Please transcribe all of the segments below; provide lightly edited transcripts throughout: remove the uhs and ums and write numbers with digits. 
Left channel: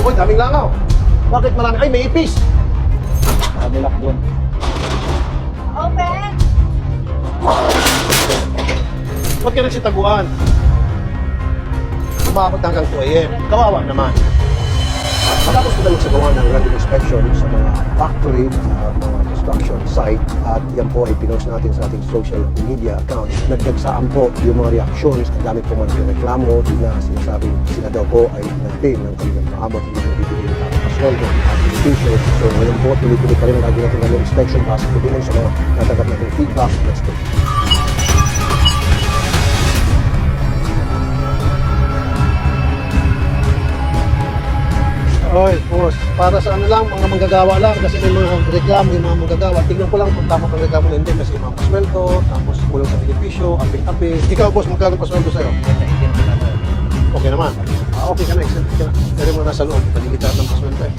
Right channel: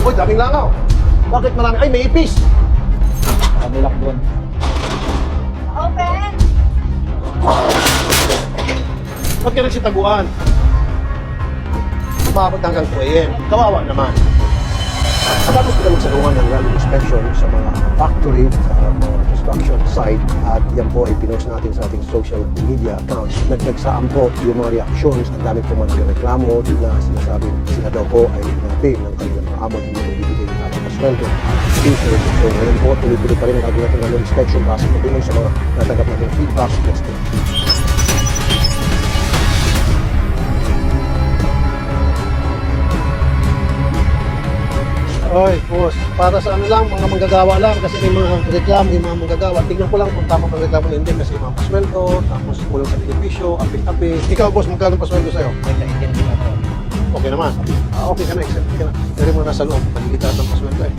Uy, daming langaw. Bakit marami? Ay, may ipis. Kabilak doon. Open! Ba't ka nagsitaguan? Umabot hanggang 2 AM. Kawawa naman. Matapos ko na magsagungan ng level inspection sa mga factory, sa mga construction site, at yan po ay pinost natin sa ating social media accounts. Nagdagsaan po yung mga reactions. Ang dami po man yung reklamo na sinasabi sila daw po ay natin ng kanilang maabot, hindi po bibigay ng tamang pasweldo at t-shirt. So ngayon po, tuloy-tuloy pa rin ang gagawin natin ng inspection base po din sa mga natanggap nating feedback. Let's go. Oy, boss, para sa ano lang, mga manggagawa lang kasi may mga reklamo yung mga manggagawa. Tingnan ko lang kung tama pang reklamo na hindi kasi mga pasweldo, tapos kulang sa benepisyo, api-api. Ikaw, boss, magkano pasweldo sa'yo? Okay naman. Okay ka na, exempt ka na. Pero mo nasa loob, paligid ng pasweldo eh.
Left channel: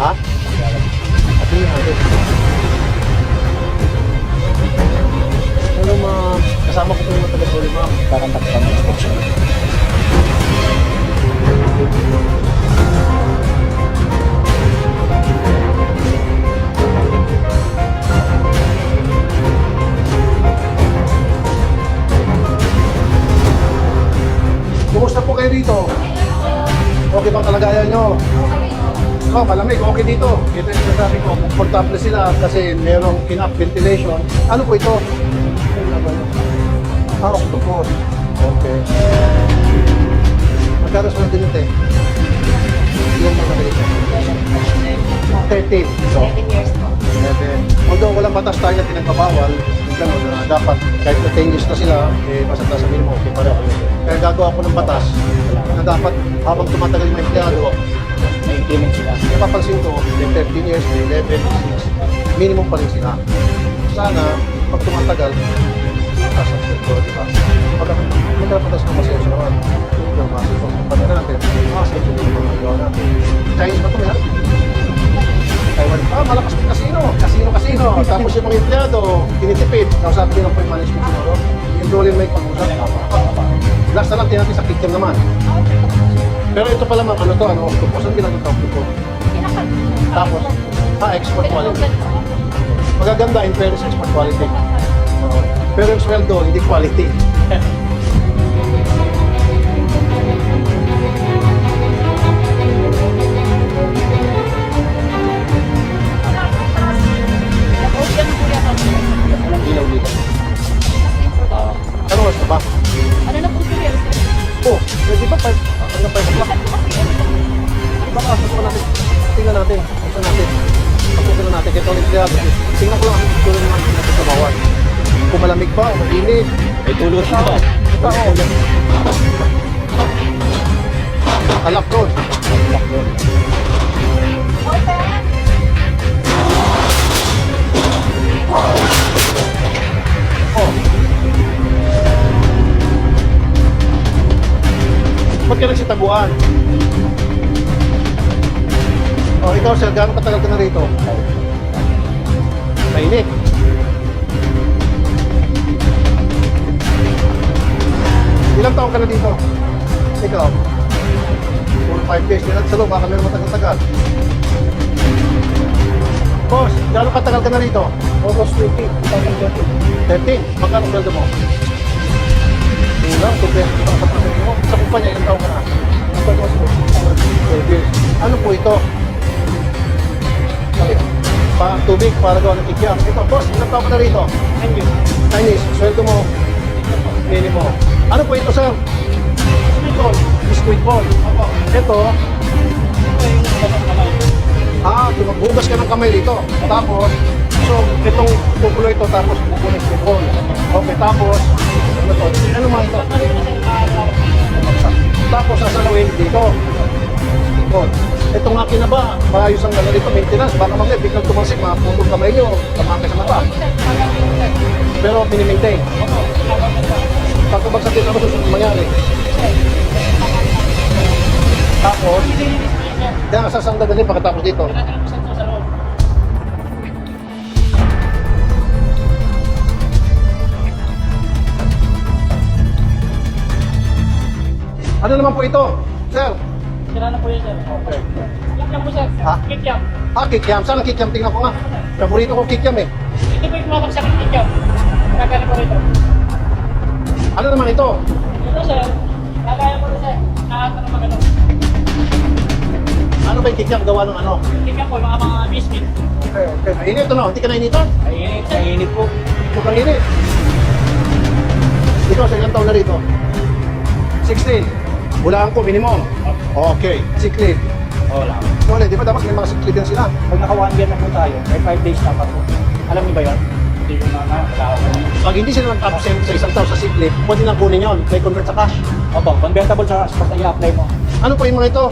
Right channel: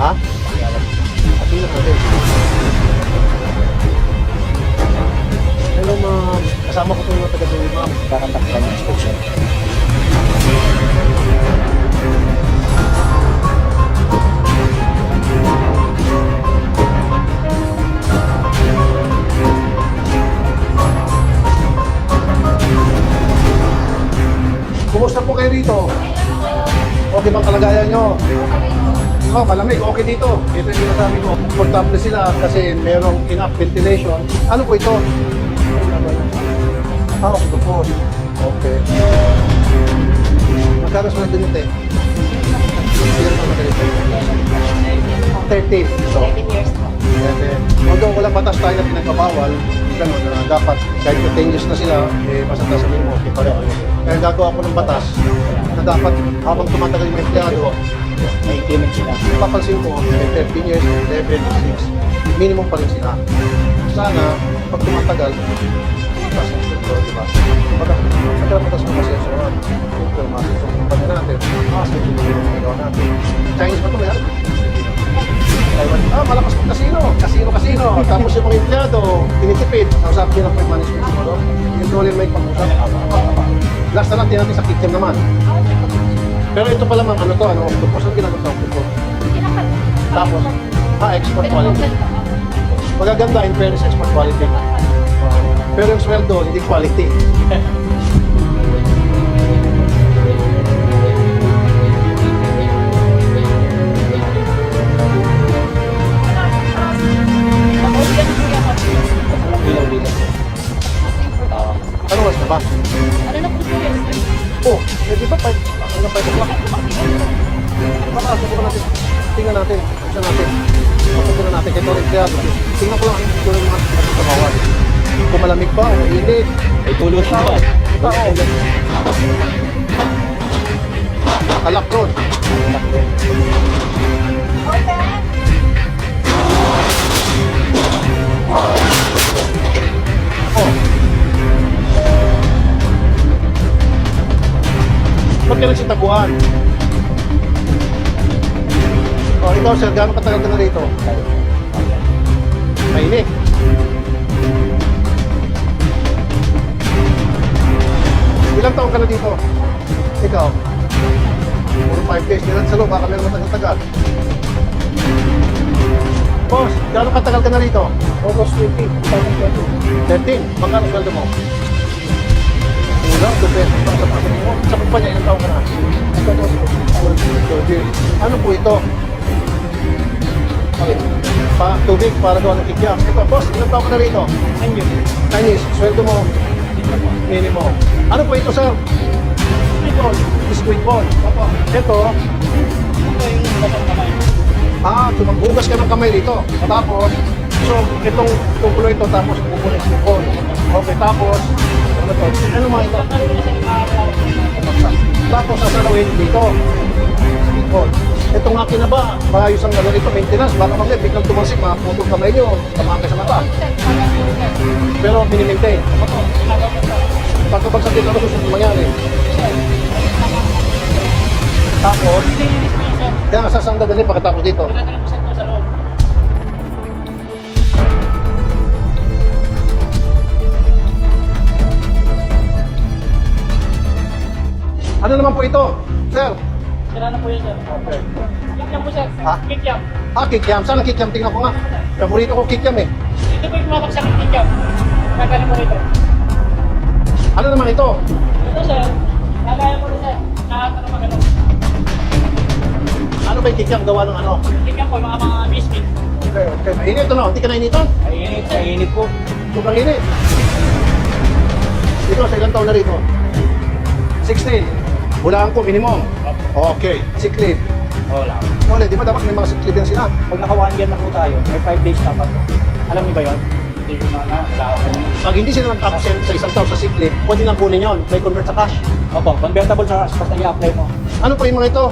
Ha? At tingnan natin. Hello, ma'am. Kasama ko po yung taga-sulit, ma'am. Kakantak ka ng inspection. Kumusta po kayo dito? Okay bang kalagayan nyo? Oh, malamig. Okay dito. Ito yung sinasabi ko. Komportable sila kasi mayroong enough ventilation. Ano po ito? Ah, octopus. Okay. Magkano sweldo nyo, te? Ilan pa na dito? 13. So, 11 years po. 11. Although walang batas tayo na pinagbabawal, gano'n na dapat kahit na 10 years na sila, eh, basta sa minimum, okay pareho. Kaya gagawa ko ng batas na dapat habang tumatagal yung empleyado, May increment sila. papansin ko, may 13 years, may 11, may 6, minimum pa rin sila. Sana, pag tumatagal, mataas ang sweldo, di ba? Pag nagkarapatas ng masenso naman, yung masenso ng kumpanya natin, masenso din yung mga gawa natin. Chinese ba ito, may Taiwan, malakas pong kasino. Kasino. Tapos yung mga empleyado, tinitipid. Ang sabi nila po yung management siguro, yung doon may pag-usap. Last na lang, natin sa kitchen naman. Pero ito pala ma'am, ano to, octopus. Ang ginagawa ng octopus? Tapos, export quality. Magaganda in fairness, export quality. Pero yung sweldo, hindi quality. Walang ilaw dito. Ano oras na ba? Ano na po yun? Oh, di ba 5 hanggang 5 o'clock? Baka subukan natin. Tingnan natin. Ayusan natin. Pagpupunan natin kay Tony Empleyado. Tingnan ko lang ang siguro mga pinagsasabawan. Kung malamig pa o mainit. May tulot Tao. ba? Tao. Kalak doon. Kabilak doon. Open! Oh. Ba't ka nagsitaguan? Oh, ikaw sir, gaano katagal ka na rito? Mainit. Ilang taon ka na dito? Ikaw? 5 days. Sa loob, baka meron matagal-tagal. Boss, gaano katagal ka na rito? August 20, 2020. 13. Magkano sweldo mo? Kulang, 2 pesos lang sa pasanin mo. Sa kumpanya, ilang taon ka na? 12 years. Ano po ito? Tubig para gawa ng kikyam. Ito, boss, ilang taon ka na rito? 9 years. Chinese, sweldo mo? Minimum. Ano po ito, sir? Sweet roll. Biscuit ball. Ito, Ito yung lasang kamay. maghugas ka ng kamay dito. Tapos, so, itong kukulo ito, tapos bubunin sa ball. Okay, tapos, ano to? Ano mga ito? Tapos, sasalawin dito. Ball. Itong akin na ba, maayos ang gano'n dito, maintenance, baka mamaya biglang tumalsik, makaputol kamay nyo, tamaan kayo sa mata. Pero mini-maintain. Pagkabagsak dito, ano susunod mangyari? Tapos, kaya sasang dadali pagkatapos dito. Ano naman po ito? Sir, Sira na po yun, sir. Okay. Kikiam po, sir. Ha? Kikiam. Kikiam. Saan ang kikiam? Tingnan ko nga. Paborito ko kikiam eh. Ito po yung kumapak sa kikiam. Gagaling po rito. Ano naman ito? Ito, sir. Gagaya po rin, sir. Nakatanong mo ganun. Ano ba yung kikiam? Gawa ng ano? Kikiam po, mga biscuit. Okay. Mainit ano? Hindi ka nainito? Kainit po. Sobrang init. Ito, sa ilang taon na rito? 16. Bulaan ko, minimum. Okay. Sick leave. Wala. Di ba dapat may mga sick leave yan sila? Pag naka 1 year na po tayo, may 5 days dapat po. Alam niyo ba yun? Hindi ko na wala ako. Pag hindi sila nag-absent sa isang taon sa sick leave, pwede lang kunin yun. May convert sa cash. Opo, convertible sa basta i-apply mo. Ano po yung mga ito?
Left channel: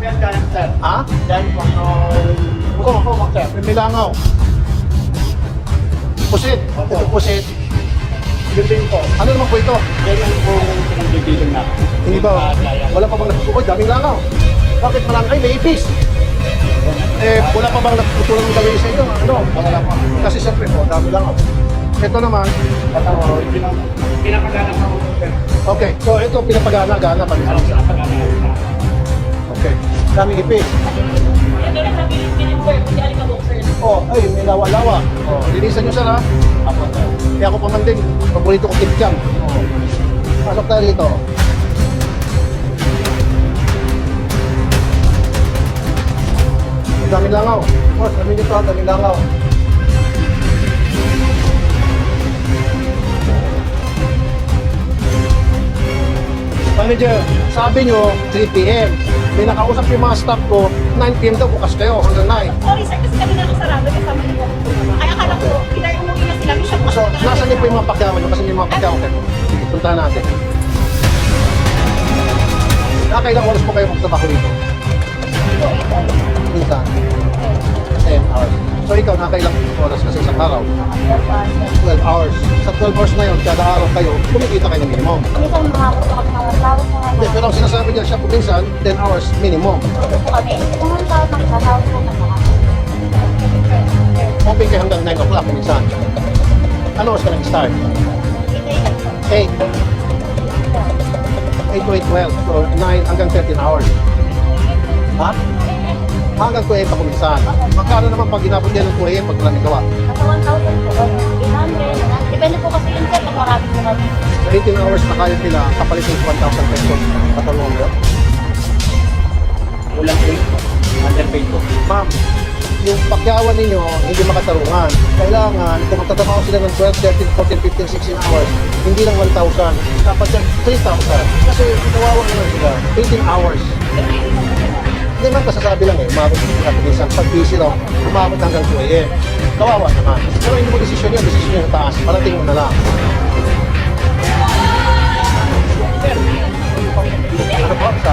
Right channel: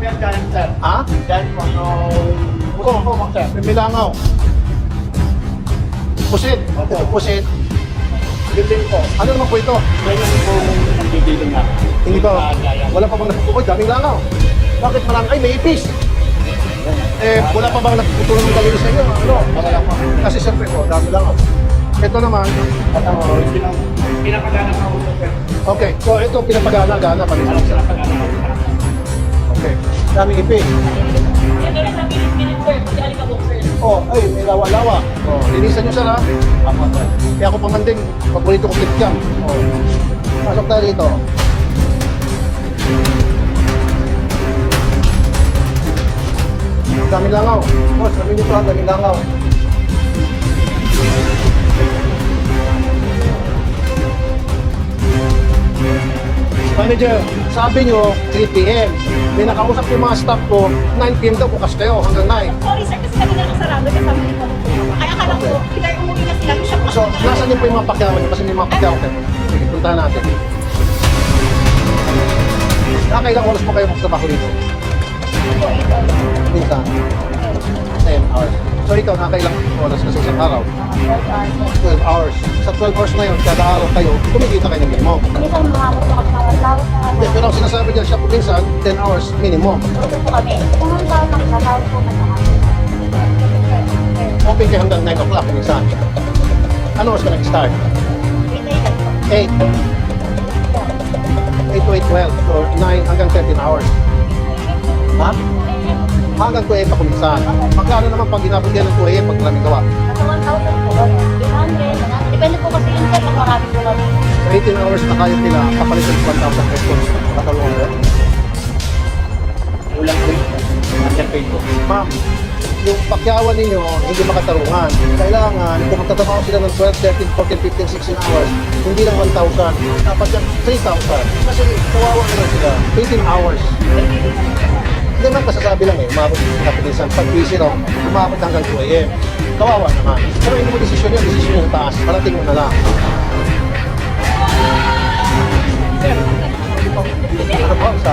Yan, dyan, sir. Ha? Dyan po yung... Oo, sir. may langaw. Pusit. Opo. Ito pusit. Yun din po. Ano naman po ito? Yan yung pong pinagdidiling na. Hindi ba? Wala pa bang napupukoy? Daming langaw. Bakit marami? Ay, may ipis. Wala pa bang nagputulan ng galing sa inyo? Ano? Wala po. Kasi siyempre po, dami langaw. Ito naman, Pinapagana na ako, sir. okay. So ito, pinapagana-gana pa rin. Pinapagana ako. Okay. Daming ipis. Ito rin sa pilit-pilit, sir. Kasi alikabok, sir. Oh, ay, may lawa-lawa. Oh, linisan nyo sir ha. Apo. Kaya ako pa man din, paborito ko kikiam. Oh. Pasok tayo dito. Daming langaw. Boss, sabi nito ha, daming langaw. Manager, sabi nyo 3 p.m. May nakausap yung mga staff ko, 9 p.m. daw bukas kayo hanggang 9. Sorry, sir. Kasi kanina lang sarado. Kasama niyo po kung tumama. Kaya akala ko, either umuwi na sila. Siya po. So, nasa niyo po yung mga pakyawan nyo kasi may mga pakyawan kayo. Sige, puntahan natin. Nakailang oras po kayo magtrabaho dito? Po, ito. Minsan, 10 hours. So, ikaw nakailang oras kasi isang araw? 12 hours. Sa 12 hours na yun, kada araw kayo, kumikita kayo ng minimum. Minsan makakot po kami mga flowers na Hindi, pero ang sinasabi niya siya po minsan, 10 hours minimum. Ito po kami. Kung ang tao ng kasawag po na Open kayo hanggang 9 o'clock minsan. Ano oras ka nag-start? Ito yun po. 8. 8 to 8, 12. So, 9 hanggang 13 hours. Ha? Hanggang 2 pa kuminsan. Magkano naman pag inabot yan ng 2 pag maraming gawa? Nasa 1,000 po. 800. Depende po kasi yun, sir. Pag marami po kami. So, 18 hours na kayo nila, kapalit ng 1,000 pesos. Katalungan mo yun? Ulang po yun. Underpaid po. Ma'am, yung pakyawan ninyo, hindi makatarungan. Kailangan, kung magtatrabaho sila ng 12, 13, 14, 15, 16 hours, hindi lang 1,000. Dapat yan 3,000. Kasi kawawa naman sila. 18 hours. Hindi man kasasabi lang umabot sila minsan. Pag busy raw, umabot hanggang 2 a.m. Kawawa naman. Pero hindi mo desisyon yun, desisyon yun sa taas. Parating mo na lang. Sir, Ano po, sa?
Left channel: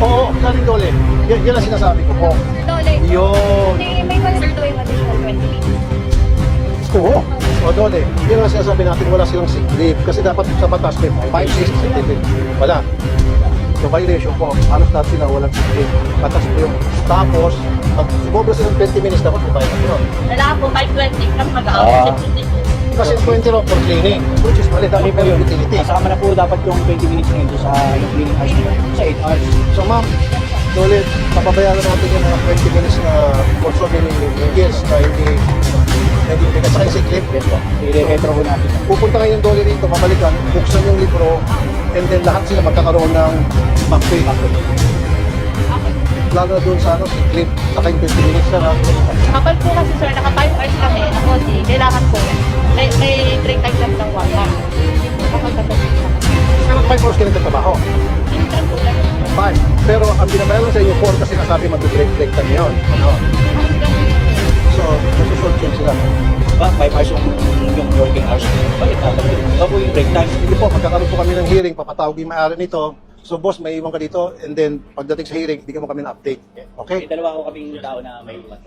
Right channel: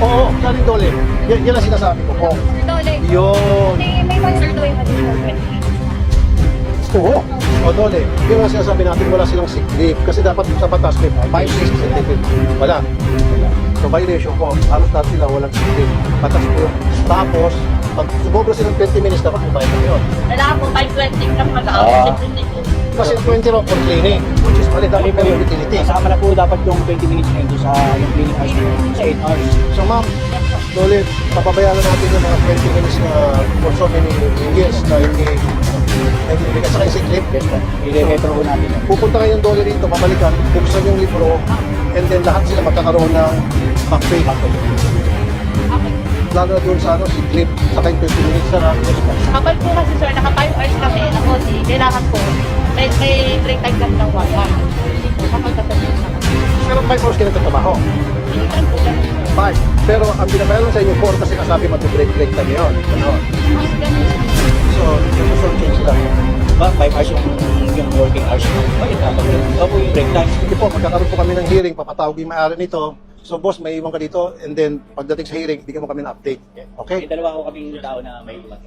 Oo, saling dole. Yan ang sinasabi ko po. Dole. Yun. Kasi may mga sir doing additional 20. Oo. O dole. Yun ang sinasabi natin, wala silang sick leave. Kasi dapat sa batas may 5 days sick leave. Wala. So violation po, halos lahat sila walang sick leave. Batas po yung. Tapos, pag sumobra silang 20 minutes, dapat mabayad na yun. Wala po, 520 kami mag-out. Kasi 20 raw for cleaning, which is mali, dapat mali po may yun. utility. Kasama na po dapat yung 20 minutes na yun doon sa yung cleaning hours na yun. Sa 8 hours. So ma'am, dole, papabayaran natin yung mga 20 minutes na for so many years na hindi bigay sa sick leave. Yes po. I-retro po natin. Pupunta kayo yung dole rito, babalikan, buksan yung libro, and then lahat sila magkakaroon ng back pay. Lalo na doon sa sick leave, saka yung 20 minutes na Kapag po kasi sir, naka 5 hours kami, na konti, kailangan po, may break time lang ng 1 hour. Hindi po, kapag kapag Pero 5 hours kayo nagtatrabaho. minsan po lang. 5. Pero ang binabayaran sa inyo 4 kasi kasabi mag-break time yun. Ano? Ang ganun. So, nasa-short change sila. Ba, 5 hours yung working hours. Bakit dapat yun? Ito po yung break time. Hindi po, magkakaroon po kami ng hearing, papatawag yung may-ari nito. So boss, may iwan ka dito and then pagdating sa hearing, bigyan mo kami ng update. Okay? May dalawa ko kaming tao na may iwan.